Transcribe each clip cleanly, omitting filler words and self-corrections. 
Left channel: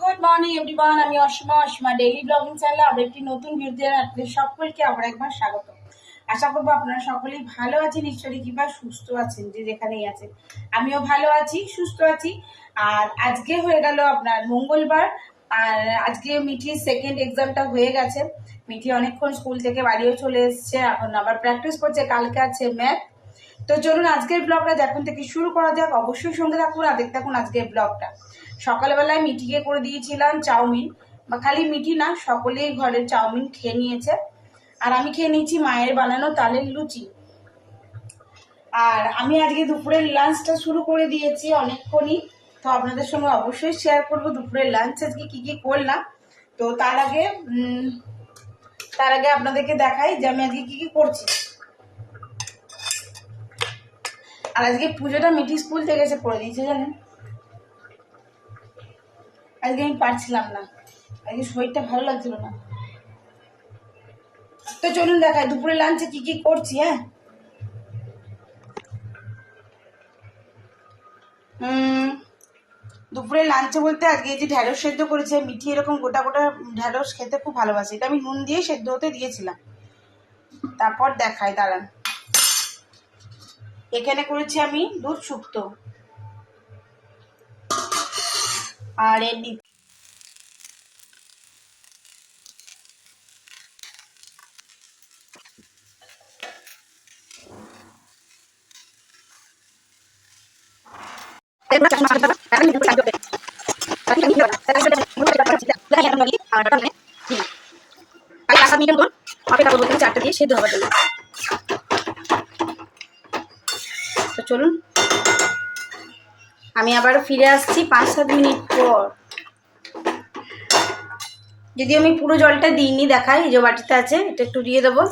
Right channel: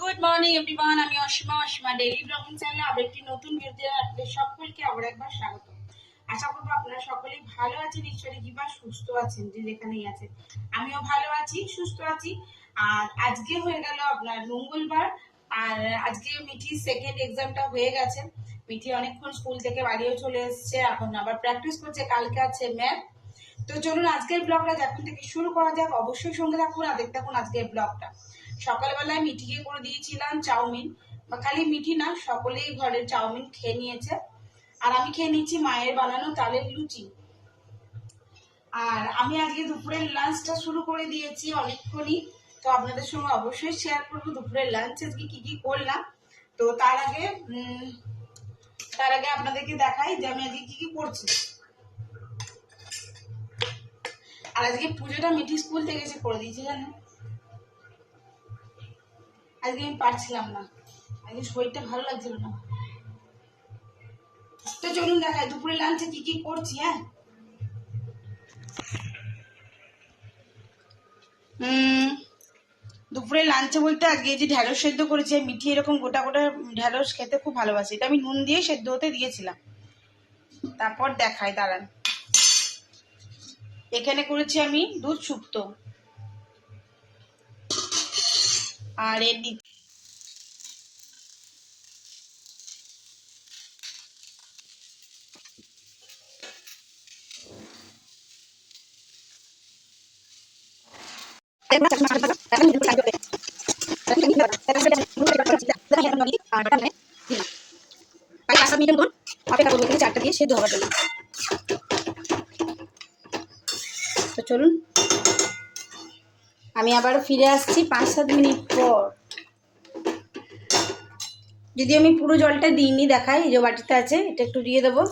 Good morning everyone, আমি Asima daily blogging চ্যানেলে আবার একটি নতুন ভিডিও আপনাদের সকলকে আবার একবার স্বাগত। আশা করবো আপনারা সকলেই ভালো আছেন, ঈশ্বরের কৃপা সুস্থ আছেন, যে যেখানেই আছেন। আমিও ভালো আছি, সুস্থ আছি। আর আজকে হয়ে গেল আপনার মঙ্গলবার, আর আজকে মিঠির সেকেন্ড এক্সামটা হয়ে গেছে। মিঠি অনেকক্ষণ স্কুল থেকে বাড়িও চলে এসছে, এখন আবার প্র্যাকটিস করছে, কালকে আছে ম্যাথ। তো চলুন আজকের ব্লগটা এখন থেকে শুরু করা যাক। অবশ্যই সঙ্গে থাকুন আর দেখতে থাকুন আজকের ব্লগটা। সকালবেলায় মিঠিকে করে দিয়েছিলাম চাউমিন, বা খালি মিঠি না, সকলেই ঘরের চাউমিন খেয়ে নিয়েছে। আর আমি খেয়ে নিয়েছি মায়ের বানানো তালের লুচি। আর আমি আজকে দুপুরের লাঞ্চটা শুরু করে দিয়েছি অনেকক্ষণই, তো আপনাদের সঙ্গে অবশ্যই শেয়ার করবো দুপুরের লাঞ্চ আজকে কি কি করলাম। তো তার আগে আপনাদেরকে দেখাই যে আমি আজকে কি কি করছি। আর আজকে পুজোটা মিঠি স্কুল থেকে এসে করে দিয়েছে, জানেন। আজকে আমি পারছিলাম না, আজকে শরীরটা ভালো লাগছিল না। তো চলুন দেখাই দুপুরে লাঞ্চে কি কি করছি। হ্যাঁ, দুপুরে লাঞ্চে বলতে আজকে যে ঢ্যাঁড়স সেদ্ধ করেছি। মিঠি এরকম গোটা গোটা ঢ্যাঁড়স খেতে খুব ভালোবাসে, এটা আমি নুন দিয়ে সেদ্ধ হতে দিয়েছিলাম। তারপর দেখাই, দাঁড়ান। এখানে করেছি আমি দুধ শুক্তো, আর এর চারটে দিয়ে সেদ্ধ হওয়ার জন্য। তো চলুন আমি আবার ফিরে আসছি 5-7 মিনিট পর। যদি আমি পুরো জলটা দিইনি, দেখাই, এই যে বাটিতে আছে, এটা একটু দিয়ে দেবো।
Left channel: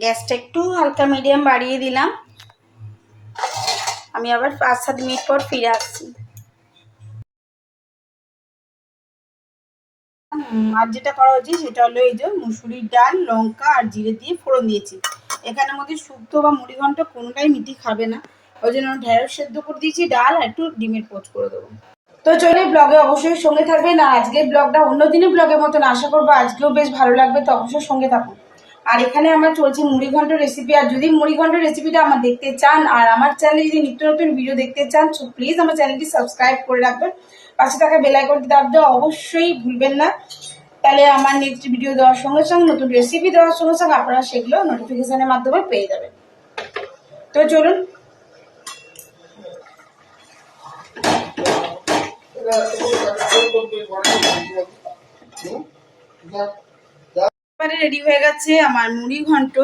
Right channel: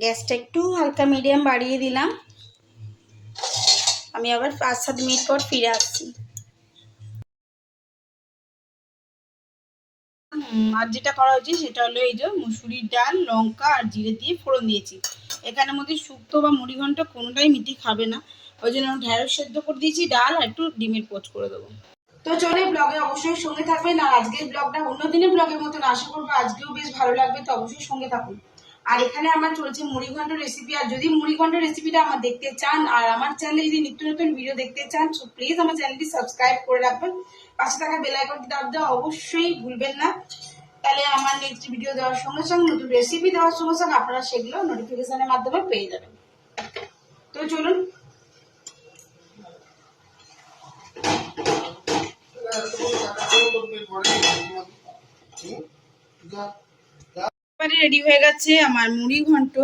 গ্যাসটা একটু হালকা মিডিয়াম বাড়িয়ে দিলাম। আমি আবার 5-7 মিনিট পর ফিরে আসছি। আর যেটা করা হয়েছে সেটা হলো এই যে মুসুরির ডাল, লঙ্কা আর জিরে দিয়ে ফোড়ন দিয়েছি। এখানের মধ্যে শুক্তো বা মুড়িঘণ্ট কোনোটাই মিঠি খাবে না, ওই জন্য ঢেঁড়স সেদ্ধ করে দিয়েছি, ডাল আর একটু ডিমের পোচ করে দেবো। তো চলে ব্লগে অবশ্যই সঙ্গে থাকবেন। আর আজকের ব্লগটা অন্য দিনের ব্লগের মতন, আশা করবো আজকেও বেশ ভালো লাগবে, তো অবশ্যই সঙ্গে থাকুন। আর এখানে আমার চলছে মুড়িঘণ্ট রেসিপি। আর যদি মুড়িঘণ্ট রেসিপিটা আমার দেখতে চান আর আমার চ্যানেলে যদি নিত্য নতুন ভিডিও দেখতে চান, তো প্লিজ আমার চ্যানেলটি সাবস্ক্রাইব করে রাখবেন, পাশে থাকা বেল আইকনটি দাব দেওয়া অবশ্যই ভুলবেন না। তাহলে আমার নেক্সট ভিডিও দেওয়ার সঙ্গে সঙ্গে, নতুন রেসিপি দেওয়ার সঙ্গে সঙ্গে আপনারা সেগুলো নোটিফিকেশনের মাধ্যমে পেয়ে যাবেন। তো চলুন রেডি হয়ে গেছে আমার মুড়ি ঘন্ট।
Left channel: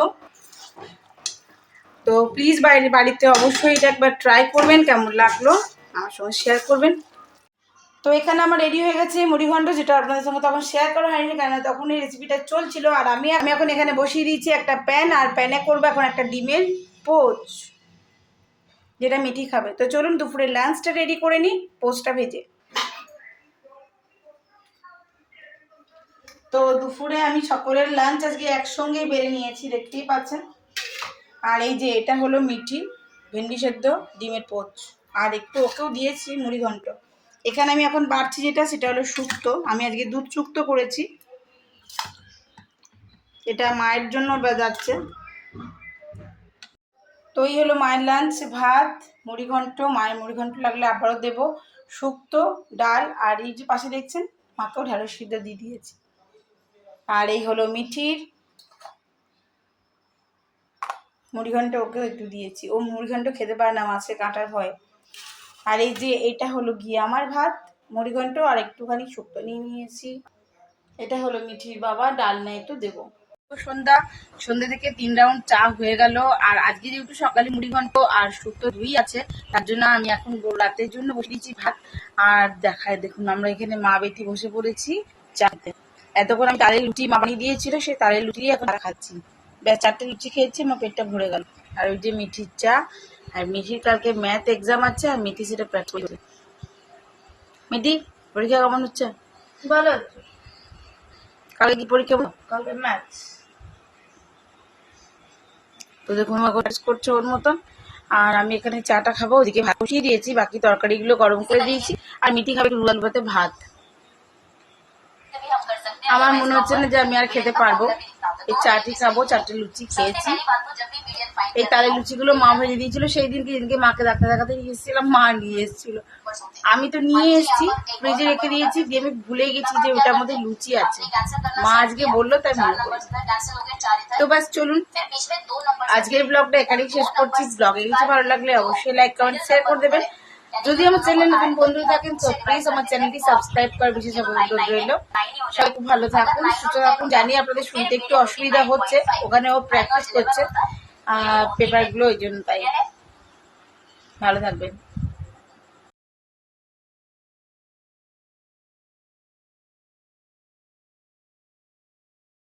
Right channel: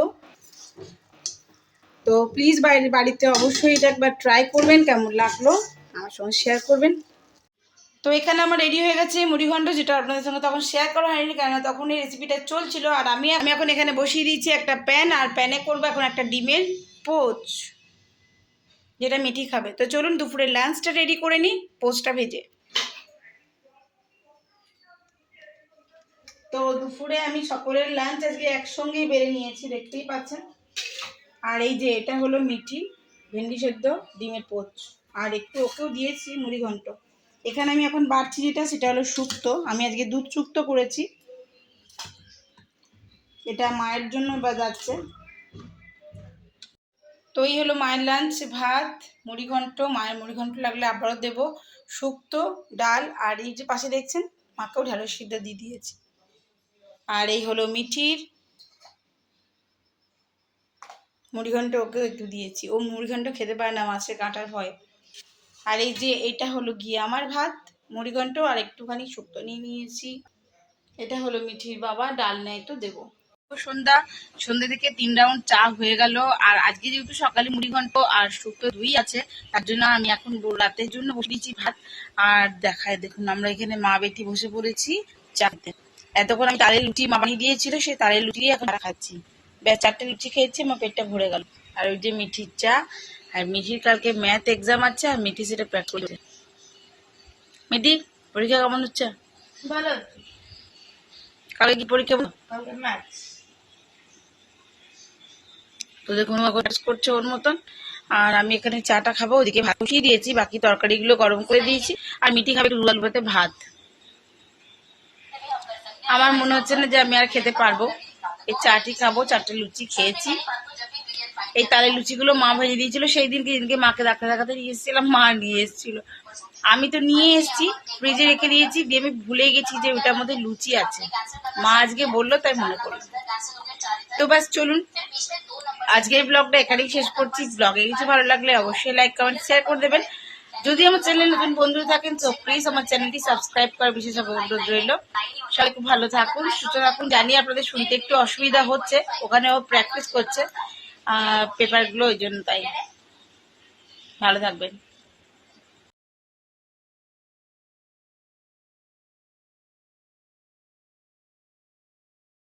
তো প্লিজ বাড়িতে অবশ্যই এটা একবার ট্রাই করবেন, কেমন লাগলো আমার সঙ্গে শেয়ার করবেন। তো এখানে আমার রেডি হয়ে গেছে মুড়ি ঘন্ট, যেটা আপনাদের সঙ্গে তখন শেয়ার করা হয়নি, কেন তখন এই রেসিপিটা চলছিল। আর আমি এখন এখানে বসিয়ে দিয়েছি একটা প্যান, আর প্যানে করবো এখন একটা ডিমের পোচ, যেটা মিঠি খাবে। তো চলুন দুপুরের লাঞ্চটা রেডি করে নিই, পোচটা ভেজে। তো দুপুরে আমি সকলের লাঞ্চ আজকে একসঙ্গেই বেড়ে নিয়েছি, দেখতেই পাচ্ছেন। আর এই যে এটা হলো মিঠি ভেন্ডি সেদ্ধ, ডিমের পোচ, আর একটু ওকেও দিয়েছি মুড়ি ঘন্ট। এখানে আমি এখন বাড়ছি যেটা, সেটা হলো শুক্তো। আমি আজকে দুধ শুক্তো করেছি, এটা মায়ের জন্য যাচ্ছে। তো এই হলো মায়ের লাঞ্চ, ভাত, মুড়ি ঘন্ট। মায়ের মুড়ি ঘন্ট লাগলে আবারও দেবো, শুক্তো, ডাল, আর এই যে পাশে দেখছেন মাকেও ঢ্যাঁড়স সিদ্ধ দিয়ে দিয়েছি। আর এই হলো মিঠির মুড়িঘণ্ট, ওকেও একটু দিয়েছি, ও মুড়িঘণ্ট খেতে পারে না মাছের কাঁটার ভয়। আর এই যে এটা হলো গিয়ে আমার ভাত, মুড়িঘণ্ট আর একটুখানি শুক্তো নিয়ে নিয়েছি। এটা হলো মিঠির বাবা, ডাল নেয় তো দেবো। সন্ধ্যা থেকে 3 রাউন্ড চা হয়ে গেল। আর আজকে যেহেতু সকালে মুড়িঘণ্ট আর শুক্তো দুই আছে, তার জন্য আমি এখন রাতের জন্য বসে দিয়েছি ভাত। আর দেখায় দেখুন, আমরা এখানে মা বেটি বসে পড়েছি চাতে। এতক্ষণ আমি তালের লুচি মা বানিয়ে দিয়েছিল, সেই তালের লুচি এখন খাচ্ছি। ব্যাস 4টে লুচি খেয়েছি, আমার পেটটা ভরে গেল। আর ওই যে মিঠির চা, আর মিঠির কালকে ম্যাথ এক্সাম আছে, আর মিঠি সেটা প্র্যাকটিস করছে। মিঠি, পরীক্ষা কেমন হচ্ছে? ভালো হচ্ছে। কালকে কি পরীক্ষা? কালকে ম্যাথস। তো দেখুন ও এখন করছে ওর মতন। আর আমি এখানে চাটা খাবো, ওদিকে ভাত বসিয়ে দিয়েছি, বাকি তরকারিগুলো গরম করে দিয়েছি। আর মিটি খাবে লুল ভাতে ভাত। আমার মনে হচ্ছে না যে আমি আর খেতে পারবো, এই চাটি খাবো। 4টে লুচি খেয়েছি। এই তালের লুচিগুলো মা ভেজে দিয়েছিল সেই দিনকে, যেদিনকে মাকে ডাক্তার দেখাতে নিয়ে এসেছিলাম, মা নিয়ে এসেছিল। আমি তো নিয়ে এসেছি, ফ্রিজে রেখে দিয়েছি, দিয়ে আমি ভুলে গেছি যে ওটার মধ্যে লুচি আছে। মা আজকে বললো তাই মনে করলো। তো বাস চলুন, আজকের ব্লগটা এখানেই শেষ করছি। ব্লগে কিছু ভালো লাগলে অবশ্যই লাইক কমেন্ট শেয়ার করে দেবেন। যদি আমার চ্যানেল নতুন বন্ধু থাকেন তো প্লিজ আমার চ্যানেলটি সাবস্ক্রাইব করার বিশেষ অনুরোধ রইল। সবাই খুব ভালো থাকুন, সুস্থ থাকুন। জানি আপনাদের শুনতে একটু অসুবিধা হচ্ছে, ওখানে ও প্র্যাকটিস করছে পেপারগুলো, ওই জন্য। তাই ভালো থাকবেন।